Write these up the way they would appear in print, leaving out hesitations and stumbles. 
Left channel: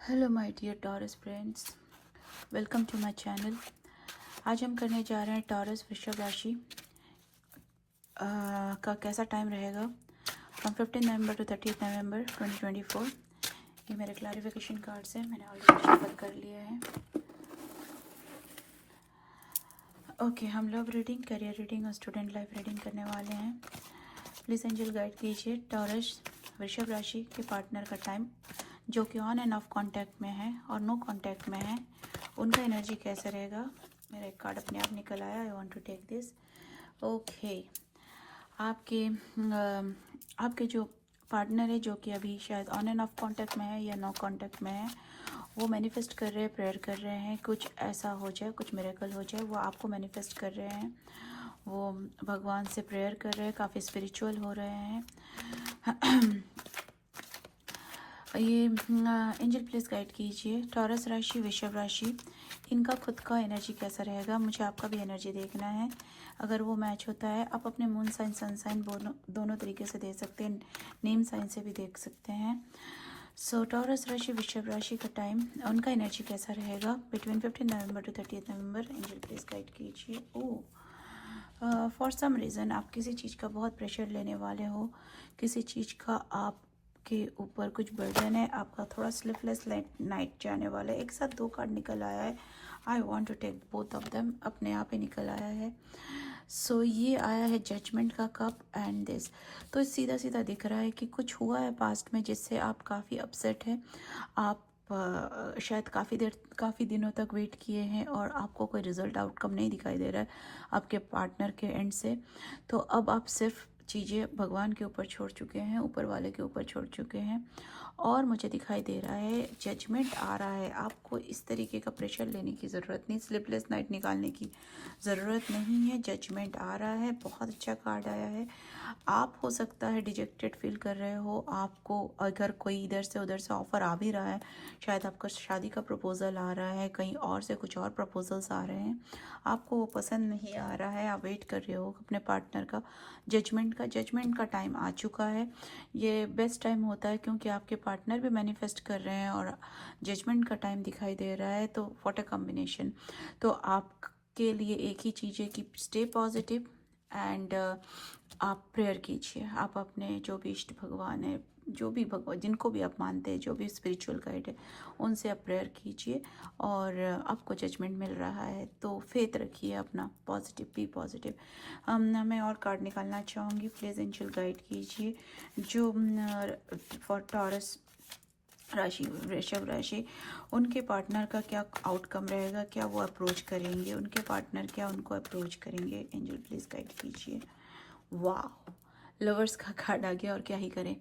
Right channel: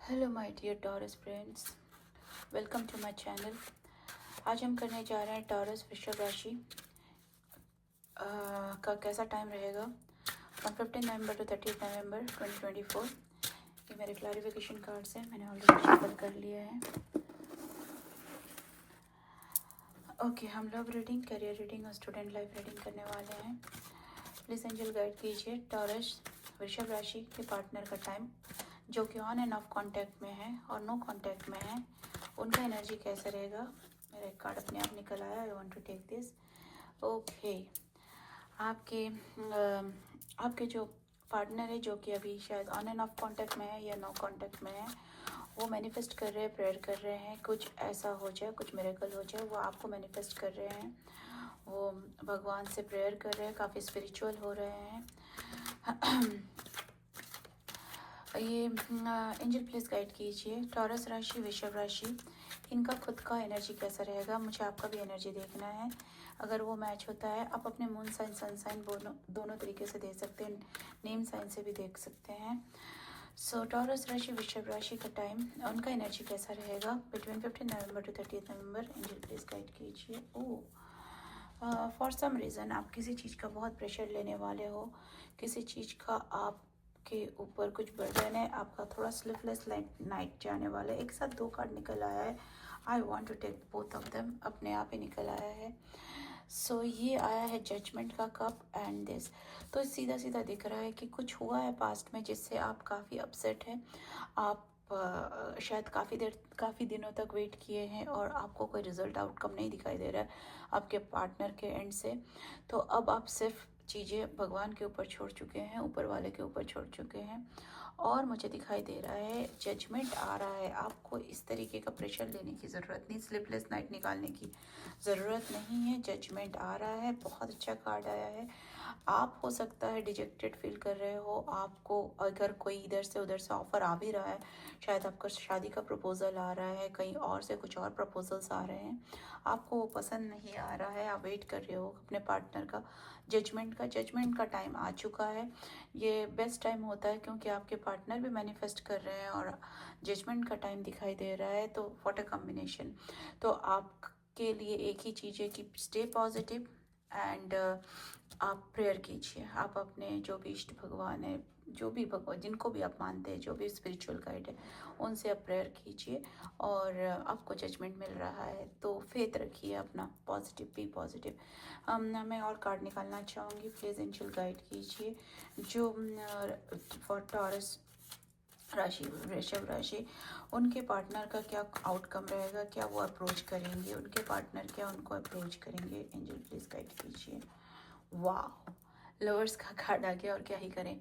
Hello my dear Taurus friends, welcome to my channel. आज हम करने जा रहे हैं टॉरस वृषभ राशि का कैसा टाइम रहेगा फ्रॉम 15 नवंबर टू 30 नवंबर 2024। ये मेरे क्लैरिफिकेशन कार्ड्स हैं, मैंने ऑलरेडी शेयर कर लिया है। ओके, हम लव रीडिंग, करियर रीडिंग और स्टूडेंट लाइफ रीडिंग करने वाले हैं। प्लीज़ एंजल गाइड कीजिए टॉरस वृषभ राशि के पार्टनर का टाइम, जो कि ऑन एंड ऑफ कांटेक्ट में है और नो कांटेक्ट में है, उनका एनर्जी कैसे रहेगा। मेरा एक कार्ड अपने आप निकल आया, I want to take this. Okay, आपके जो पार्टनर है, जो कि अभी शायद ऑन एंड ऑफ कांटेक्ट में है या नो कांटेक्ट में है, वो मैनिफेस्ट कर रहे हैं, प्रेयर कर रहे हैं, कुछ ऐसा हो जाए, कुछ मिरेकल हो जाए, वो आपको मैनिफेस्ट कर रहे हैं। वो भगवान से प्रेयर कर रहे हैं, काफ़ी स्पिरिचुअल हो रहे हैं। ये एंजल प्लीज गाइड कीजिए टॉरस राशि, वृषभ राशि, इनका खुद का एनर्जी कैसा रहेगा। मुझे आपका भी एनर्जी देखना है। अगर वो मैच होता है, आप अपने मून साइन, सन साइन दोनों तरीके से देख सकते हैं, नेम साइन से भी देख सकते हैं। सो टॉरस राशि, वृषभ राशि का टाइम, उनका एनर्जी कैसा रहेगा between 15 November to 30 November. Angel please guide कीजिए। फॉर सम रीज़न आप किसी चीज़ का बहुत प्रेशर लेने वाले हो, किसी चीज़ का आपके ऊपर कुछ बर्डन है, आपका थोड़ा स्लीपलेस नाइट जाने वाला है। एक साथ दो कार्ड निकल आया है, I want to take both of them, अपने आप ही निकल आया है। सो ये आया है जजमेंट का कप एंड दिस। तो सीधा सीधा दिख रहा है कि कुछ हुआ है पास्ट में जिससे आप काफ़ी अपसेट हैं। आप शायद काफ़ी दिनों तक वेट किए हैं और आपको कोई रिजल्ट आउटकम नहीं दिखाई दे रहा है आपके पार्टनर के एंड से। तो अब आप सिर्फ चीज़ें भगवान के ऊपर छोड़ चुके हैं, ऊपर वाले के ऊपर छोड़ चुके हैं। और मुझे दिखाई दे रहा है जजमेंट आ रहा है। आपको इस तरीके का प्रेशर लेने की ज़रूरत नहीं, स्लीपलेस नाइट निकालने की ज़रूरत नहीं है। जजमेंट आ रहा है, बहुत अच्छा कार्ड आया है। आप हो सकता है डिजेक्टेड फील कर रहे हो, आपको अगर कोई इधर से उधर से ऑफर आ भी रहा है, शायद आपको शादी का प्रपोजल आ रहा है, कहीं और से कुछ और प्रपोजल्स आ रहे हैं, आपको वो पसंद नहीं आ रहा है, आप वेट कर रहे हो अपने पार्टनर का जजमेंट का टाइम आ चुका है। ये बेस्ट टाइम होता है क्योंकि आपके पार्टनर भी मैनिफेस्ट कर रहे हैं और जजमेंट का टाइम दिखाई दे रहा है। तो व्हाट अ कॉम्बिनेशन। तो आपके लिए एक ही चीज़ है कि स्टे पॉजिटिव एंड आप प्रेयर कीजिए। आप अपने जो भी इष्ट भगवान है, जो भी भगवान, जिनको भी आप मानते हैं, जो भी स्पिरिचुअल गाइड है, उनसे आप प्रेयर कीजिए और आपको जजमेंट मिल रहा है। तो फेथ रखिए अपना, पॉजिटिव, बी पॉजिटिव। मैं और कार्ड निकालना चाहूँगी, प्लीज़ एंजल गाइड कीजिए जो फॉर टॉरस राशि, वृषभ राशि, उनके पार्टनर का क्या आउटकम रहेगा, क्या वो अप्रोच करेंगे, उनके पार्टनर क्या उनको अप्रोच करेंगे। एंजल प्लीज गाइड कीजिए। वाह, लवर्स का कार्ड आ गया, और क्या ही करें।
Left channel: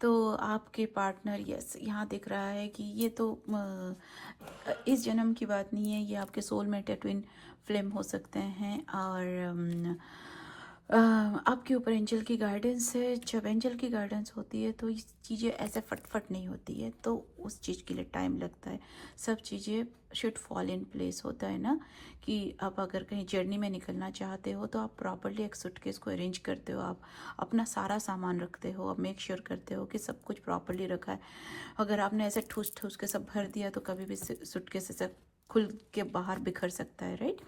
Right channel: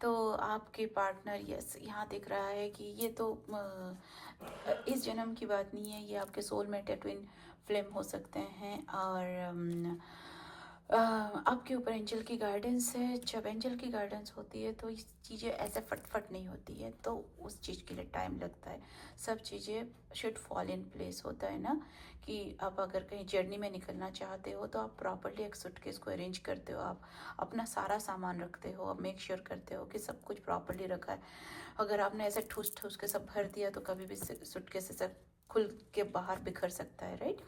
तो आपके पार्टनर, यस, यहाँ दिख रहा है कि ये तो इस जन्म की बात नहीं है, ये आपके सोलमेट या ट्विन फ्लेम हो सकते हैं। और आपके ऊपर एंजल की गाइडेंस है। जब एंजल की गाइडेंस होती है तो ये चीज़ें ऐसे फटफट नहीं होती है, तो उस चीज़ के लिए टाइम लगता है। सब चीज़ें शुड फॉल इन प्लेस होता है ना, कि आप अगर कहीं जर्नी में निकलना चाहते हो तो आप प्रॉपरली एक सूटकेस को अरेंज करते हो, आप अपना सारा सामान रखते हो, आप मेक श्योर करते हो कि सब कुछ प्रॉपरली रखा है। अगर आपने ऐसे ठूस ठूस के सब भर दिया तो कभी भी सूटकेस ऐसे खुल के बाहर बिखर सकता है, राइट।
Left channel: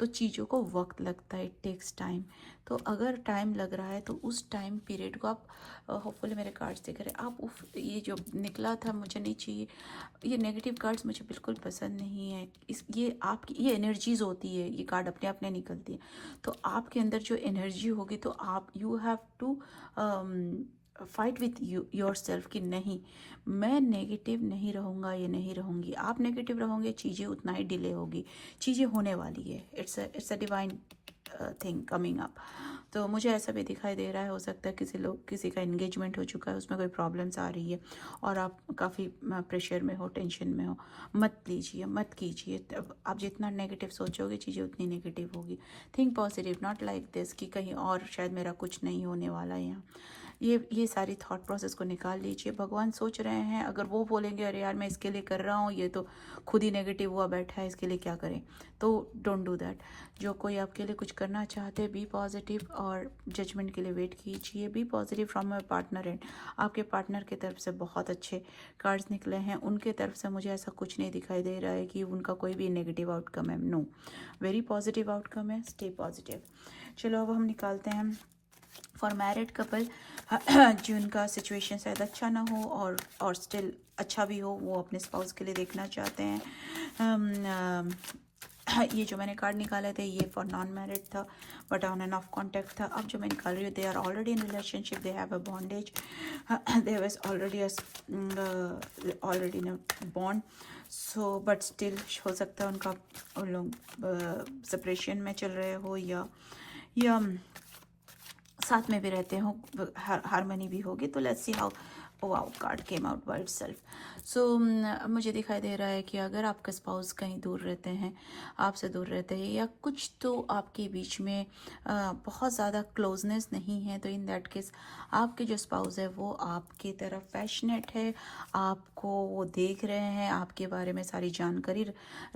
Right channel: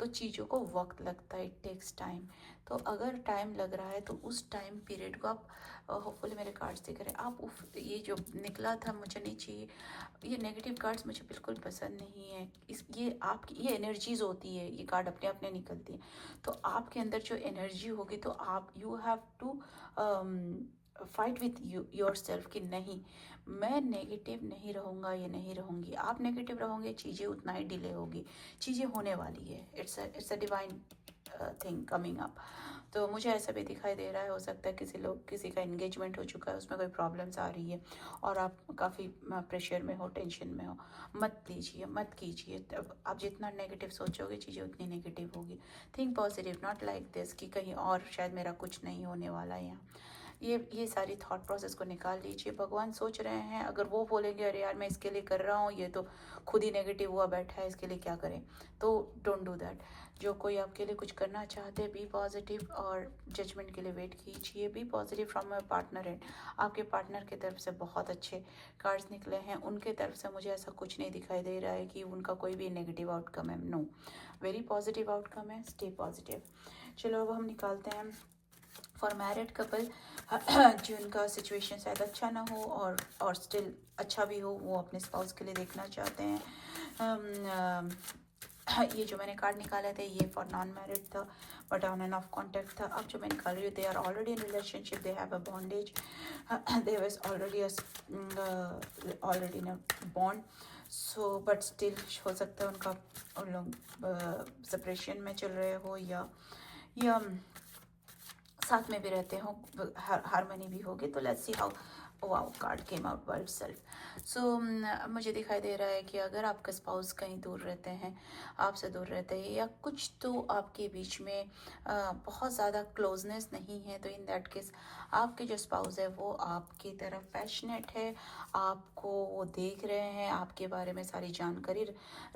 तो चीज़ों को वक्त लगता है, टेक्स टाइम। तो अगर टाइम लग रहा है तो उस टाइम पीरियड को आप, होपफुली मेरे कार्ड्स दिख रहे हैं, आप ये जो निकला था मुझे नहीं चाहिए, ये नेगेटिव कार्ड्स मुझे बिल्कुल पसंद नहीं है। ये आपकी ये एनर्जीज होती है, ये कार्ड अपने आप नहीं निकलती है। तो आपके अंदर जो एनर्जी होगी तो आप, you have to fight with yourself कि नहीं, मैं नेगेटिव नहीं रहूँगा, ये नहीं रहूँगी। आप नेगेटिव रहोगे, चीज़ें उतना ही डिले होगी, चीज़ें होने वाली है। It's a divine thing coming up. तो मुझे ऐसा भी दिखाई दे रहा है, हो सकता है किसी का एंगेजमेंट हो चुका है, उसमें कोई प्रॉब्लम्स आ रही है और आप काफ़ी प्रेशर में हो, टेंशन में हो। मत लीजिए, मत कीजिए। आप जितना नेगेटिव सोचोगे, चीज़ें उतनी नेगेटिव होगी। Think positive, not like this कि कहीं और शायद मेरा कुछ नहीं होने वाला है। ये सारी थॉट प्रोसेस को निकाल लीजिए। भगवान सोच रहे हैं, अगर वो बोलेंगे अरे यार मैं इसके लिए कर रहा हूँ, ये तो खुद ही नेगेटिव हुआ बैठा है, इसके लिए क्या करें, तो डोंट डू दैट। जो कोई आपके लिए कुछ करना चाहते, बी पॉजिटिव और जजमेंट के लिए वेट कीजिए। Be positive from my partner end, आपके पार्टनर की तरफ से बहुत अच्छे कार्ड्स निकले हैं। उनके तरफ से मुझे ऐसा कुछ नहीं दिखाई दे रहा है कि उनका कोई भी नेगेटिव आउटकम है, नो, वेरी पॉजिटिव आउटकम है, स्टे पॉजिटिव। चलो अब हम निकालते हैं फॉर मैरिड कपल, जिनका सिचुएशन शायद अच्छा ना हो और स्टिल अच्छा भी हो, वो अपने स्पाउस के लिए देखना चाहते हैं। ये जो मैंने कार्ड निकाले थे ये फॉर नॉन मैरिड था, but on and off contact था। अब जो मैं निकाल रही हूँ, they are already in relationship, they have a bondage, they was already in a bond, so but still हो सकता है उन लोग सेपरेशन में चल रहे हो या साथ में भी रहते हो, हारमनी भी होगी। तो let's see how, wow, card came out by itself. So मुझे दिखाई दे रहा है कि अगर आपके स्पाउस कहीं दूर रहते हैं, आपसे दूर रहते हैं, या कुछ तो आपके बीच में बहुत ज़्यादा क्लोजनेस नहीं है, तो इन दैट केस आपके जो स्पाउस है वो आपकी तरफ पैशनेट है, आपको वो देख रहे हैं, आपके बारे में सारी जानकारी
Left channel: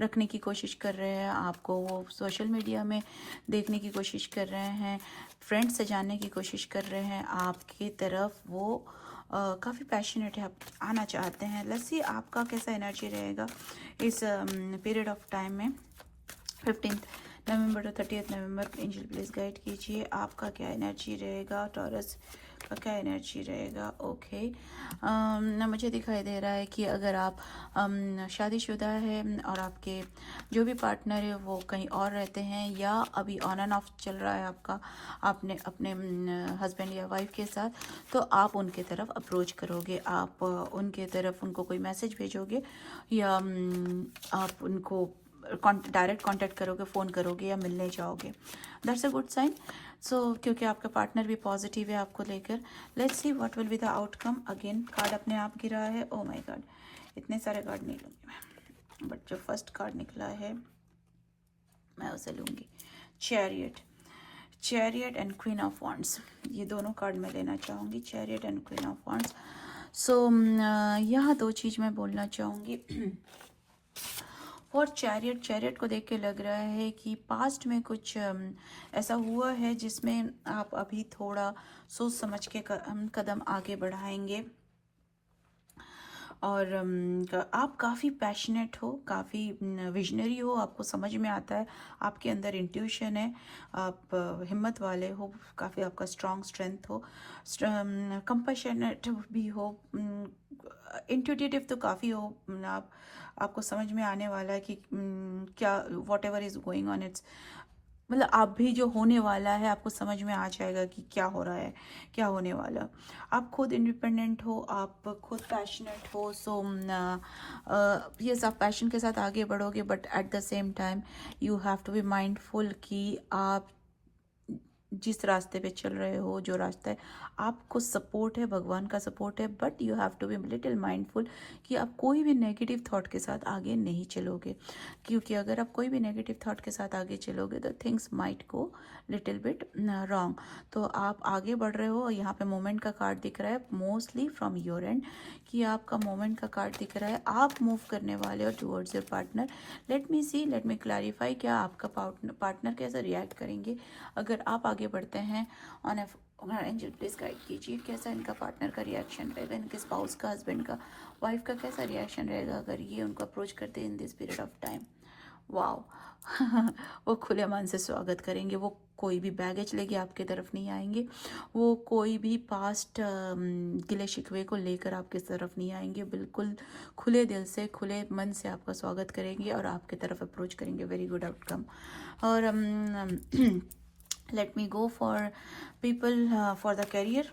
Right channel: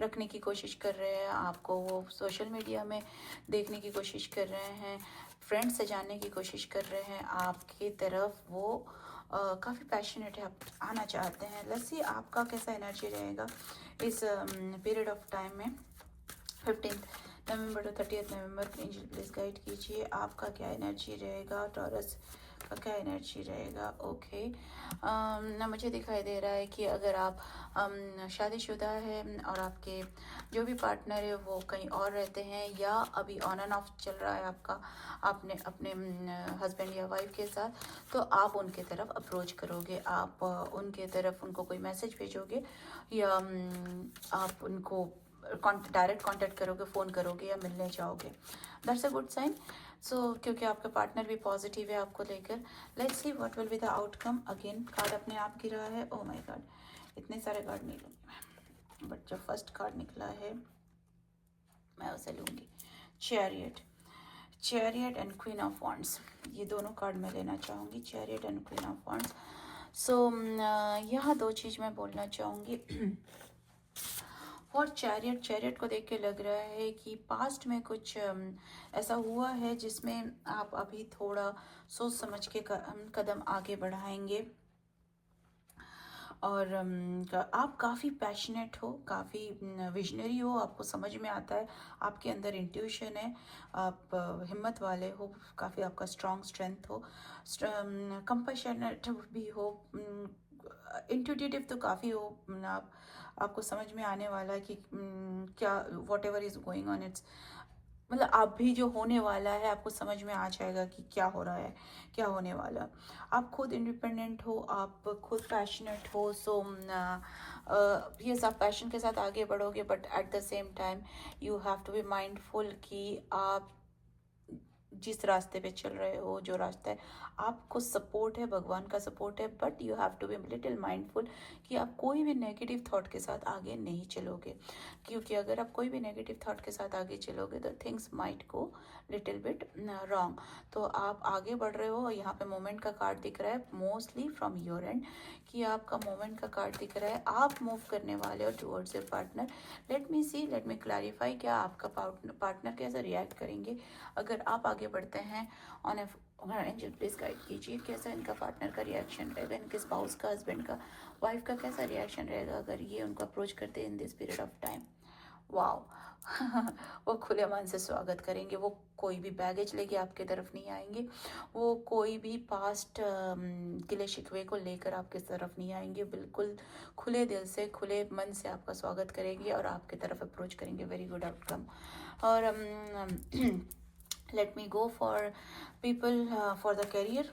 रखने की कोशिश कर रहे हैं, आपको वो सोशल मीडिया में देखने की कोशिश कर रहे हैं, फ्रेंड से जानने की कोशिश कर रहे हैं, आपकी तरफ वो काफ़ी पैशनेट है, आप आना चाहते हैं। लेट्स सी आपका कैसा एनर्जी रहेगा इस पीरियड ऑफ टाइम में, 15 नवंबर to 30 November. Angel please guide कीजिए आपका क्या एनर्जी रहेगा, टॉरस का क्या एनर्जी रहेगा। ओके, मुझे दिखाई दे रहा है कि अगर आप शादीशुदा है और आपके जो भी पार्टनर है वो कहीं और रहते हैं, या अभी ऑन एंड ऑफ चल रहा है आपका अपने हस्बैंड या वाइफ के साथ, तो आप उनके तरफ अप्रोच करोगे, आप उनके तरफ उनको कोई मैसेज भेजोगे, या आप उनको डायरेक्ट कांटेक्ट करोगे, फ़ोन करोगे या मिलने जाओगे। That's a good sign. So क्योंकि आपका पार्टनर भी पॉजिटिव है आपको लेकर। Let's see what will be the outcome. Again card अपने आप गिरा है, ओ माय गॉड, इतने सारे कार्ड नहीं लूँगी मैं, बट जो फर्स्ट कार्ड निकला है मैं उसे लूँगी। Chariot and queen of wands, ये दोनों कार्ड मैं लेना चाहूँगी, chariot and queen of wands. So यहाँ दो चीज़ मैं बोलना चाहूँगी। और चैरियट को देख के लग रहा है कि पास्ट में कुछ ऐसा हुआ है जिसमें आप अभी थोड़ा सोच समझ के कदम आगे बढ़ाएंगे, और आप काफ़ी पैशनेट हो, काफ़ी विजनरी हो, आपको समझ में आता है, आपके अंदर इंट्यूशन है, आप हिम्मत वाले हो, काफ़ी आपका स्ट्रेंथ हो, कंपैशनेट भी हो, इंट्यूटिव तो काफ़ी हो, आपको समझ में आने वाला है कि क्या what ever is going on, it's मतलब आप भी जो होने वाला है आपको समझ में आ जाएगा कि क्या हो रहा है, क्या होने वाला। आप खुद इंडिपेंडेंट हो, आप खुद पैशनेट हो, सो ये सब पैशन के साथ आगे बढ़ोगे, but at the same time you have to be mindful कि आप जिस रास्ते पे चल रहे हो, जो रास्ता है, आपको सपोर्ट है, भगवान का सपोर्ट है, but you have to be little mindful कि आप कोई भी नेगेटिव थॉट के साथ आगे नहीं चलोगे, क्योंकि अगर आप कोई भी नेगेटिव थॉट के साथ आगे चलोगे तो things might go little bit wrong. तो आप आगे बढ़ रहे हो, यहाँ पे मोमेंट का कार्ड दिख रहा है, मोस्टली फ्रॉम योर एंड, कि आपका मोमेंट का कार्ड दिख रहा है, आप मूव करने वाले हो towards your partner. Let me clarify, क्या आपका पार्टनर कैसे रिएक्ट करेंगे अगर आप आगे बढ़ते हैं ऑन एंजल प्लीज गाइड कीजिए कैसा इनका पार्टनर का रिएक्शन रहेगा, इनके स्पाउस का, हस्बैंड का, वाइफ का कैसा रिएक्शन रहेगा अगर ये उनको अप्रोच करते हैं in this period of time. Wow, वो खुले मन से स्वागत करेंगे, वो कोई भी बैगेज लेके आपके तरफ नहीं आएंगे, वो कोई भी पास्ट गिले शिकवे को लेकर आपकी तरफ नहीं आएंगे, बिल्कुल खुले दिल से, खुले मन से आपका स्वागत करेंगे और आपकी तरफ अप्रोच करेंगे। Very good outcome. और let me go for people for the career.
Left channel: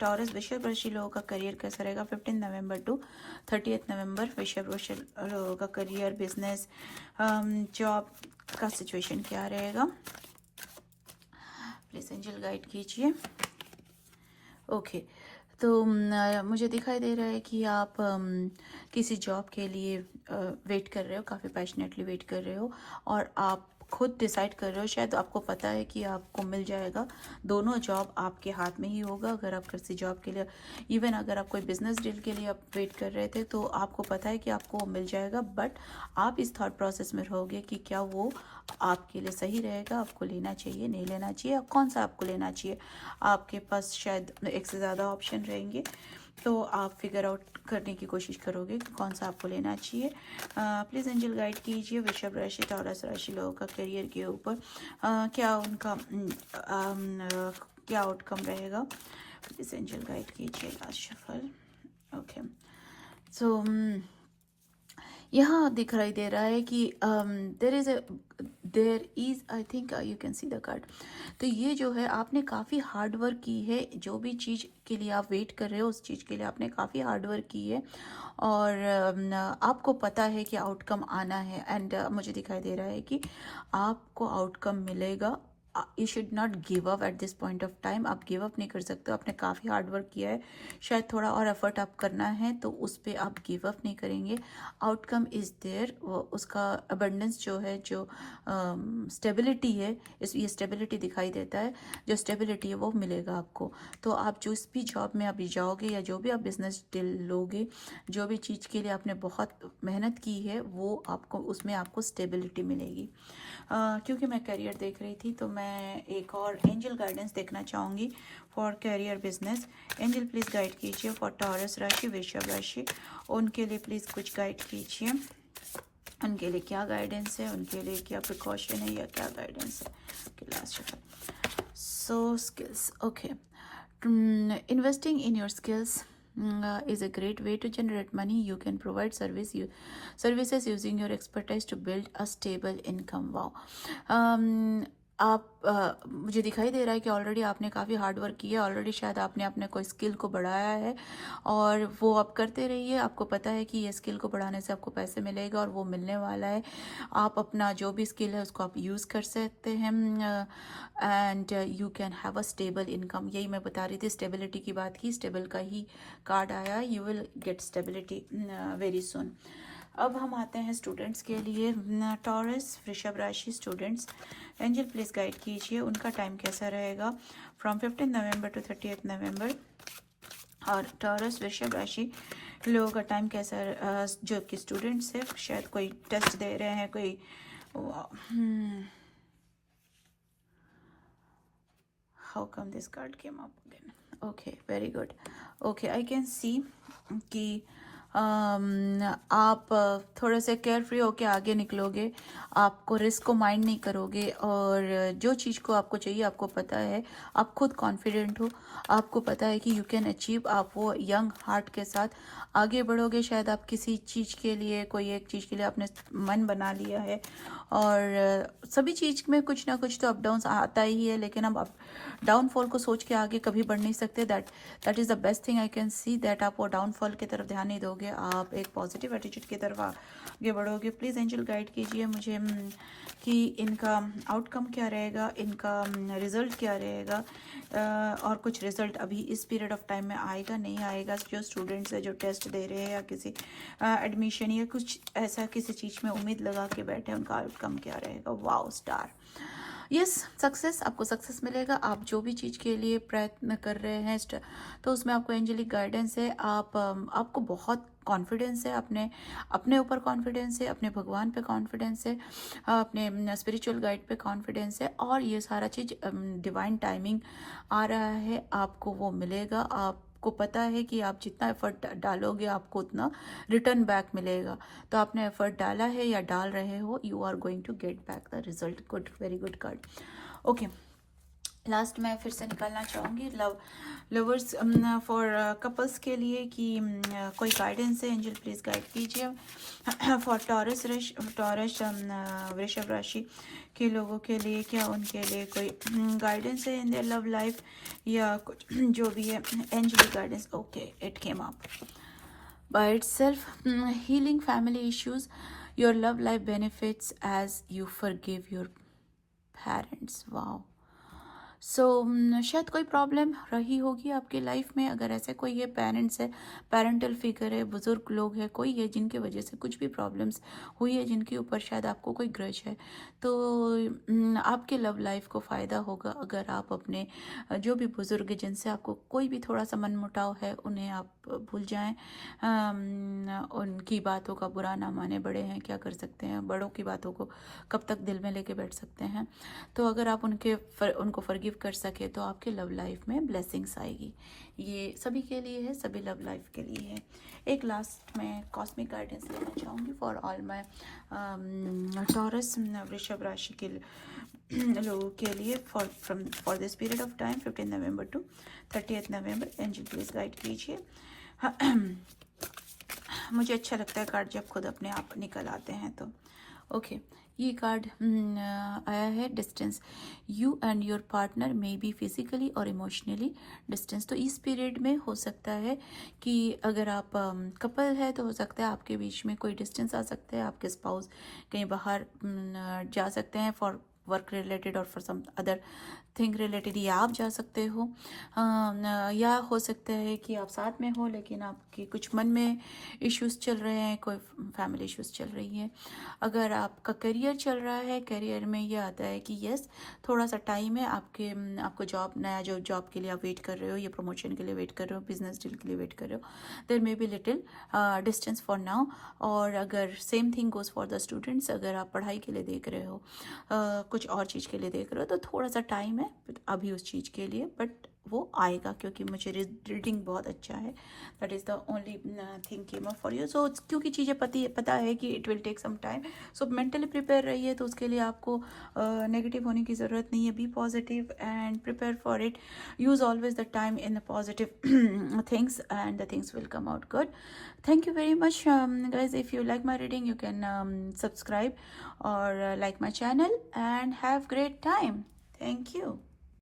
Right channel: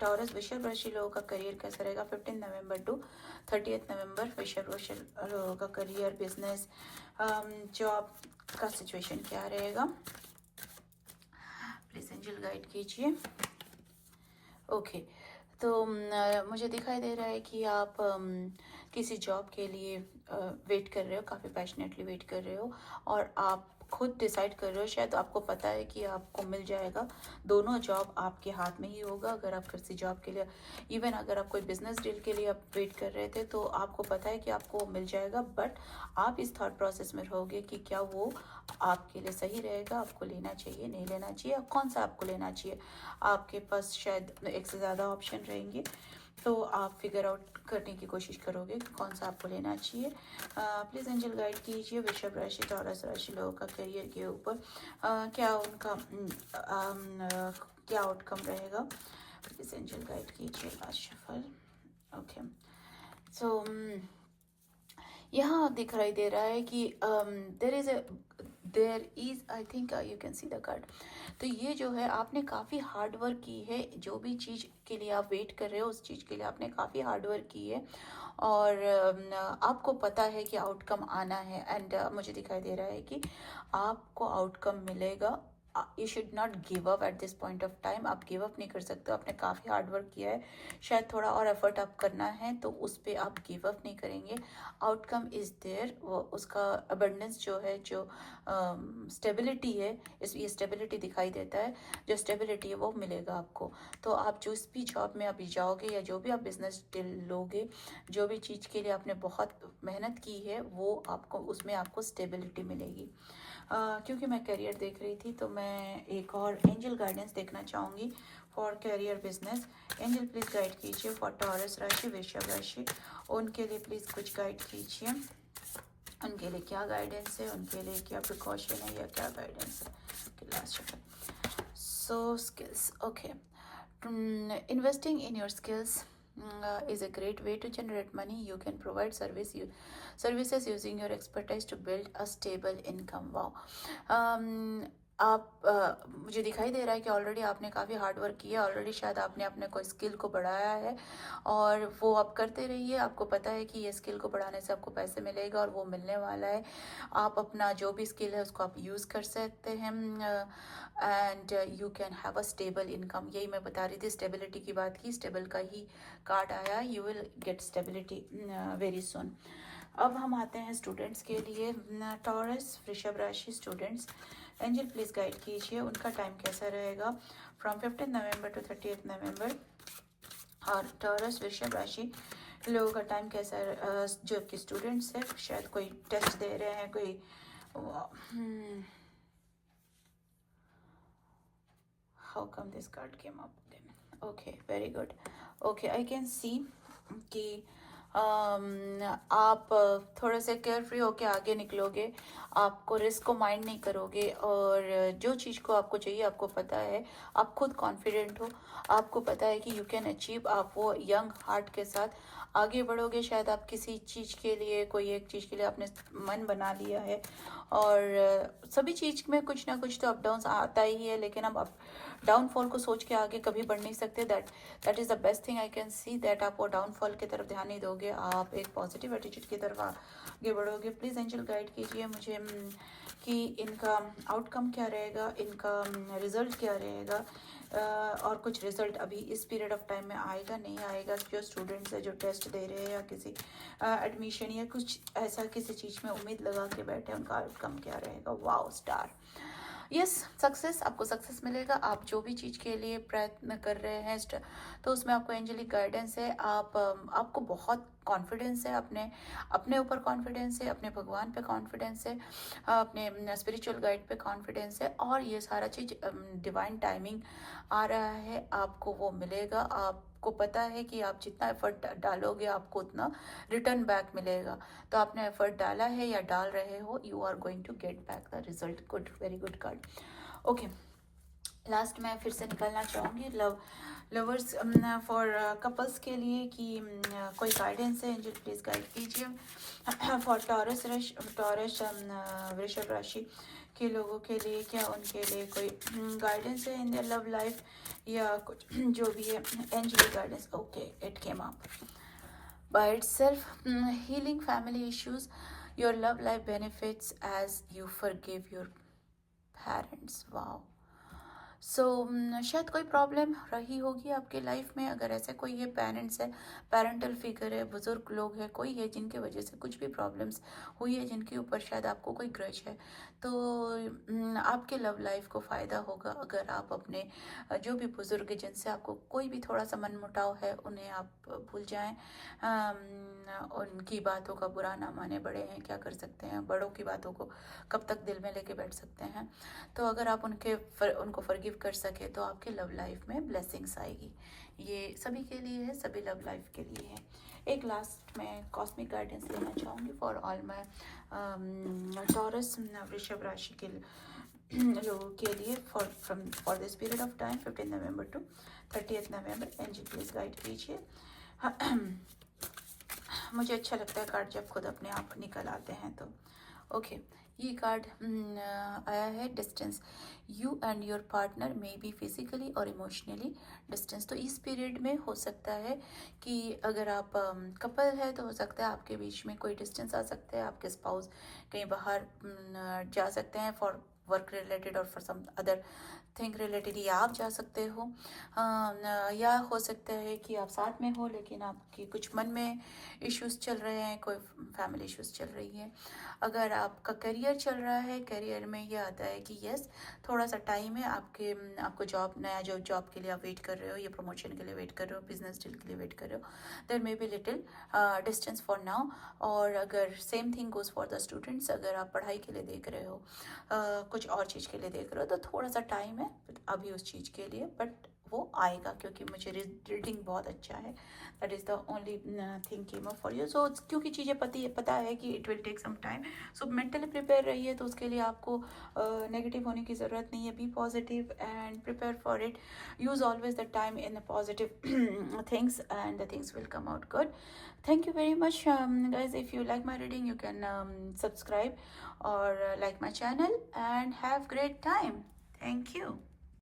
Taurus वृषभ राशि लोगों का करियर कैसा रहेगा 15 नवंबर टू 30 नवंबर। वृषभ राशि लोगों का करियर, बिजनेस, जॉब का सिचुएशन क्या रहेगा, प्लीज एंजल गाइड कीजिए। ओके, तो मुझे दिखाई दे रहा है कि आप किसी जॉब के लिए वेट कर रहे हो, काफ़ी पैशनेटली वेट कर रहे हो, और आप खुद डिसाइड कर रहे हो, शायद आपको पता है कि आपको मिल जाएगा, दोनों जॉब आपके हाथ में ही होगा। अगर आप किसी जॉब के लिए, इवन अगर आप कोई बिजनेस डील के लिए आप वेट कर रहे थे तो आपको पता है कि आपको मिल जाएगा, बट आप इस थॉट प्रोसेस में रहोगे कि क्या वो आपके लिए सही रहेगा, आपको लेना चाहिए नहीं लेना चाहिए, कौन सा आपको लेना चाहिए। आपके पास शायद एक से ज़्यादा ऑप्शन रहेंगे, तो आप फिगर आउट करने की कोशिश करोगे कि कौन सा आपको लेना चाहिए। प्लीज़ एंजल गाइड कीजिए वृषभ राशि टॉरस राशि लोगों का करियर के ऊपर क्या उनका क्या आउटकम रहेगा। प्लीज़ एंजल गाइड कीजिए लास्ट शफल। ओके, सो यहाँ दिखाई दे रहा है कि there is I think you can see the card. तो ये जो है आपने काफ़ी हार्ड वर्क की है, जो भी चीज़ के लिए आप वेट कर रहे हो उस चीज़ के लिए आपने काफ़ी हार्ड वर्क की है, और आपको पता है कि आउटकम आना है। एंड मुझे दिखाई दे रहा है कि आपको आउटकम मिलेगा। You should not give up at this point of time. आप गिव अप नहीं कर सकते, आपने काफ़ी हार्ड वर्क किया है, शायद थोड़ा और एफर्ट आप करना है तो उस पर आप गिव अप नहीं करेंगे। आउटकम इज़ देयर, वो उसका अबंडेंस जो है, जो स्टेबिलिटी है, इस ये स्टेबिलिटी दिखाई देता है, जो स्टेबिलिटी है वो मिलेगा आपको। तो आप जिस भी जॉब में अभी जाओगे या जो भी आप बिजनेस डील लोगे, जो भी चीज़ के लिए आपने बहुत मेहनत की है वो आपको, उसमें आपको स्टेबिलिटी मिलेगी। क्योंकि मैं करियर देख रही थी तो मैं एक और एंजल गाइडेंस देखना चाहूँगी for career business. Angel please guide कीजिए फॉर टॉरस राशि वृषभ राशि, उनके लिए प्लीज़ कुछ गाइड कीजिए। उनके लिए क्या गाइडेंस है, उनके लिए क्या प्रिकॉशन है या क्या गाइडेंस है। Last so skills, okay, investing in your skills is a great way to generate money. You can provide services using your expertise to build a stable income. Wow. आप मुझे दिखाई दे रहा है कि ऑलरेडी आपने काफ़ी हार्ड वर्क किया है, ऑलरेडी शायद आपने अपने कोई स्किल को बढ़ाया है और वो आप करते रहिए। आपको पता है कि ये स्किल को बढ़ाने से आपको पैसे मिलेगा और वो मिलने वाला है। आप अपना जो भी स्किल है उसको आप यूज़ कर सकते हैं and you can have a stable income. यही मैं बता रही थी, स्टेबिलिटी की बात की, स्टेबल का ही कार्ड आया, you will get stability very soon. अब हम आते हैं स्टूडेंट्स के लिए, टॉरस वृषभ राशि स्टूडेंट्स, एंजल प्लीज़ गाइड कीजिए उनका टाइम कैसा रहेगा फ्रॉम 15 नवंबर टू 30 नवंबर। और टॉरस वृषभ राशि लोगों का टाइम कैसा, जो कि स्टूडेंट्स है, शायद कोई टेस्ट दे रहे हैं, कोई how come this card came up again? Okay, very good. Okay, I can see कि आप थोड़े से केयर फ्री होके आगे निकलोगे, आपको रिस्क को माइंड नहीं करोगे, और जो चीज़ को आपको चाहिए आपको पता है, आप खुद कॉन्फिडेंट हो, आपको पता है कि यू कैन अचीव। आप वो यंग हार्ट के साथ आगे बढ़ोगे। शायद आप किसी चीज़ के लिए, कोई एक चीज़ के लिए आपने मन बना लिया है, और सभी चीज़ में कुछ ना कुछ तो अप डाउन आता ही है, लेकिन हम डाउनफॉल को सोच के आगे कभी बढ़ नहीं सकते। That is the best thing I can see, that आप वो डाउनफॉल की तरफ ध्यान नहीं दोगे, आप एक पॉजिटिव एटीट्यूड की तरफ आगे बढ़ोगे। प्लीज़ एंजल गाइड कीजिए मुझे कि इनका आउटकम क्या रहेगा, इनका रिजल्ट क्या रहेगा, और कुछ रिजल्ट अभी इस पीरियड ऑफ टाइम में आएगा नहीं आएगा। जो स्टूडेंट्स है जो टेस्ट दे रहे हैं या किसी एडमिशन या कुछ ऐसा किसी चीज़ में उम्मीद लगा के बैठे, उनका आउटकम क्या रहेगा। वाओ स्टार, यस, सक्सेस, आपको सक्सेस मिलेगा। आप जो भी चीज़ के लिए प्रयत्न कर रहे हैं तो उसमें आपको एंजेलिक गाइडेंस है। आपको बहुत कॉन्फिडेंस है, अपने ऊपर कॉन्फिडेंस है, अपने भगवान पे कॉन्फिडेंस है, अपने स्पिरिचुअल गाइड पे कॉन्फिडेंस है, और ये सारा चीज़ डिवाइन टाइमिंग आ रहा है, आपको वो मिलेगा। आपको पता है कि आप जितना एफर्ट डालोगे आपको उतना रिटर्न बैक मिलेगा। तो आपने एफर्ट डाला है या डाल रहे हो, you are going to get back the result. Good, very good card. Okay, last मैं फिर से निकालना चाहूँगी लवर्स फॉर कपल्स के लिए कि कोई गाइडेंस है, एंजल प्लीज़ गाइड कीजिए फॉर टॉरस वृषभ राशि के लोगों के लिए, क्या उनके लिए कोई गाइडेंस है इन देयर लव लाइफ या कुछ जो भी है। Angel guidance, okay, it came up by itself. Healing family issues, your love life benefits as you forgive your parents. Wow. सो शायद कोई प्रॉब्लम रही होगी आपकी लाइफ में। अगर ऐसे कोई है, पेरेंट्स है, पेरेंटल फिगर है, बुजुर्ग लोग हैं, कोई है जिनकी वजह से कुछ भी प्रॉब्लम्स हुई है, जिनके ऊपर शायद आपको कोई ग्रज है, तो आपके लव लाइफ को फ़ायदा होगा अगर आप अपने जो भी बुजुर्ग जिनसे आपको कोई भी थोड़ा सा मनमुटाव है उन्हें आप भूल जाएं। उनकी बातों का बुरा ना माने। बड़े हैं, क्या कर सकते हैं, बड़ों की बातों को कब तक दिल में लेके बैठ सकते हैं। तो अगर आप उनको फॉरगिव कर सके तो आपके लव लाइफ में ब्लेसिंग्स आएगी। ये सभी के लिए है, सभी लव लाइफ के लिए है। एक लास्ट मैं कॉस्मिक गाइडेंस देना चाहूँगी फॉर ऑल माय टॉरस वृषभ राशि के लोगों के लिए for this period of time 15 November to 30 November. Angel please guide कीजिए। मुझे अच्छा लगता है कार्ड जब खुद अपने आप निकल आते हैं तो। ओके, ये कार्ड आया है distance. You and your partner may be physically और इमोशनली डिस्टेंस। तो इस पीरियड में हो सकता है कि अगर आप कपल है तो हो सकता है आपके बीच में कोई डिस्टेंस आ सकता है। आपके स्पाउस कहीं बाहर जा सकते हैं फॉर वर्क रिलेटेड और for some other thing related, या आप जा सकते हो, या हो सकता है कि आप साथ में हो लेकिन आपके कुछ मन में इश्यूज चल रहे हैं, कोई फैमिली इश्यूज चल रही है। अगर आपका करियर चल रहा है, करियर में ये आता है कि यस थोड़ा सा टाइम है आपको जॉब, नया जो जॉब के लिए आप वेट कर रहे हो या प्रमोशन के लिए वेट कर रहे हो, बिजनेस डील के लिए वेट कर रहे हो, there may be little distance for now. और अगर same thing goes for the students, अगर आप पढ़ाई के लिए देख रहे हो, कुछ और चीज़ के लिए देख रहे हो, तो थोड़ा सा टाइम है अभी उस चीज़ के लिए, बट वो आएगा क्योंकि मुझे रीडिंग बहुत अच्छा है। That is the only thing came up for you. So क्योंकि चीज़ें पता है कि it will take some time, so mentally prepare रहिए। तो उसके लिए आपको नेगेटिव होने की ज़रूरत नहीं है। Be positive and prepare for it. Use always the time in the positive things and the things will come out good. Thank you very much, guys. If you like my reading, you can subscribe or like my channel and have great time. Thank you.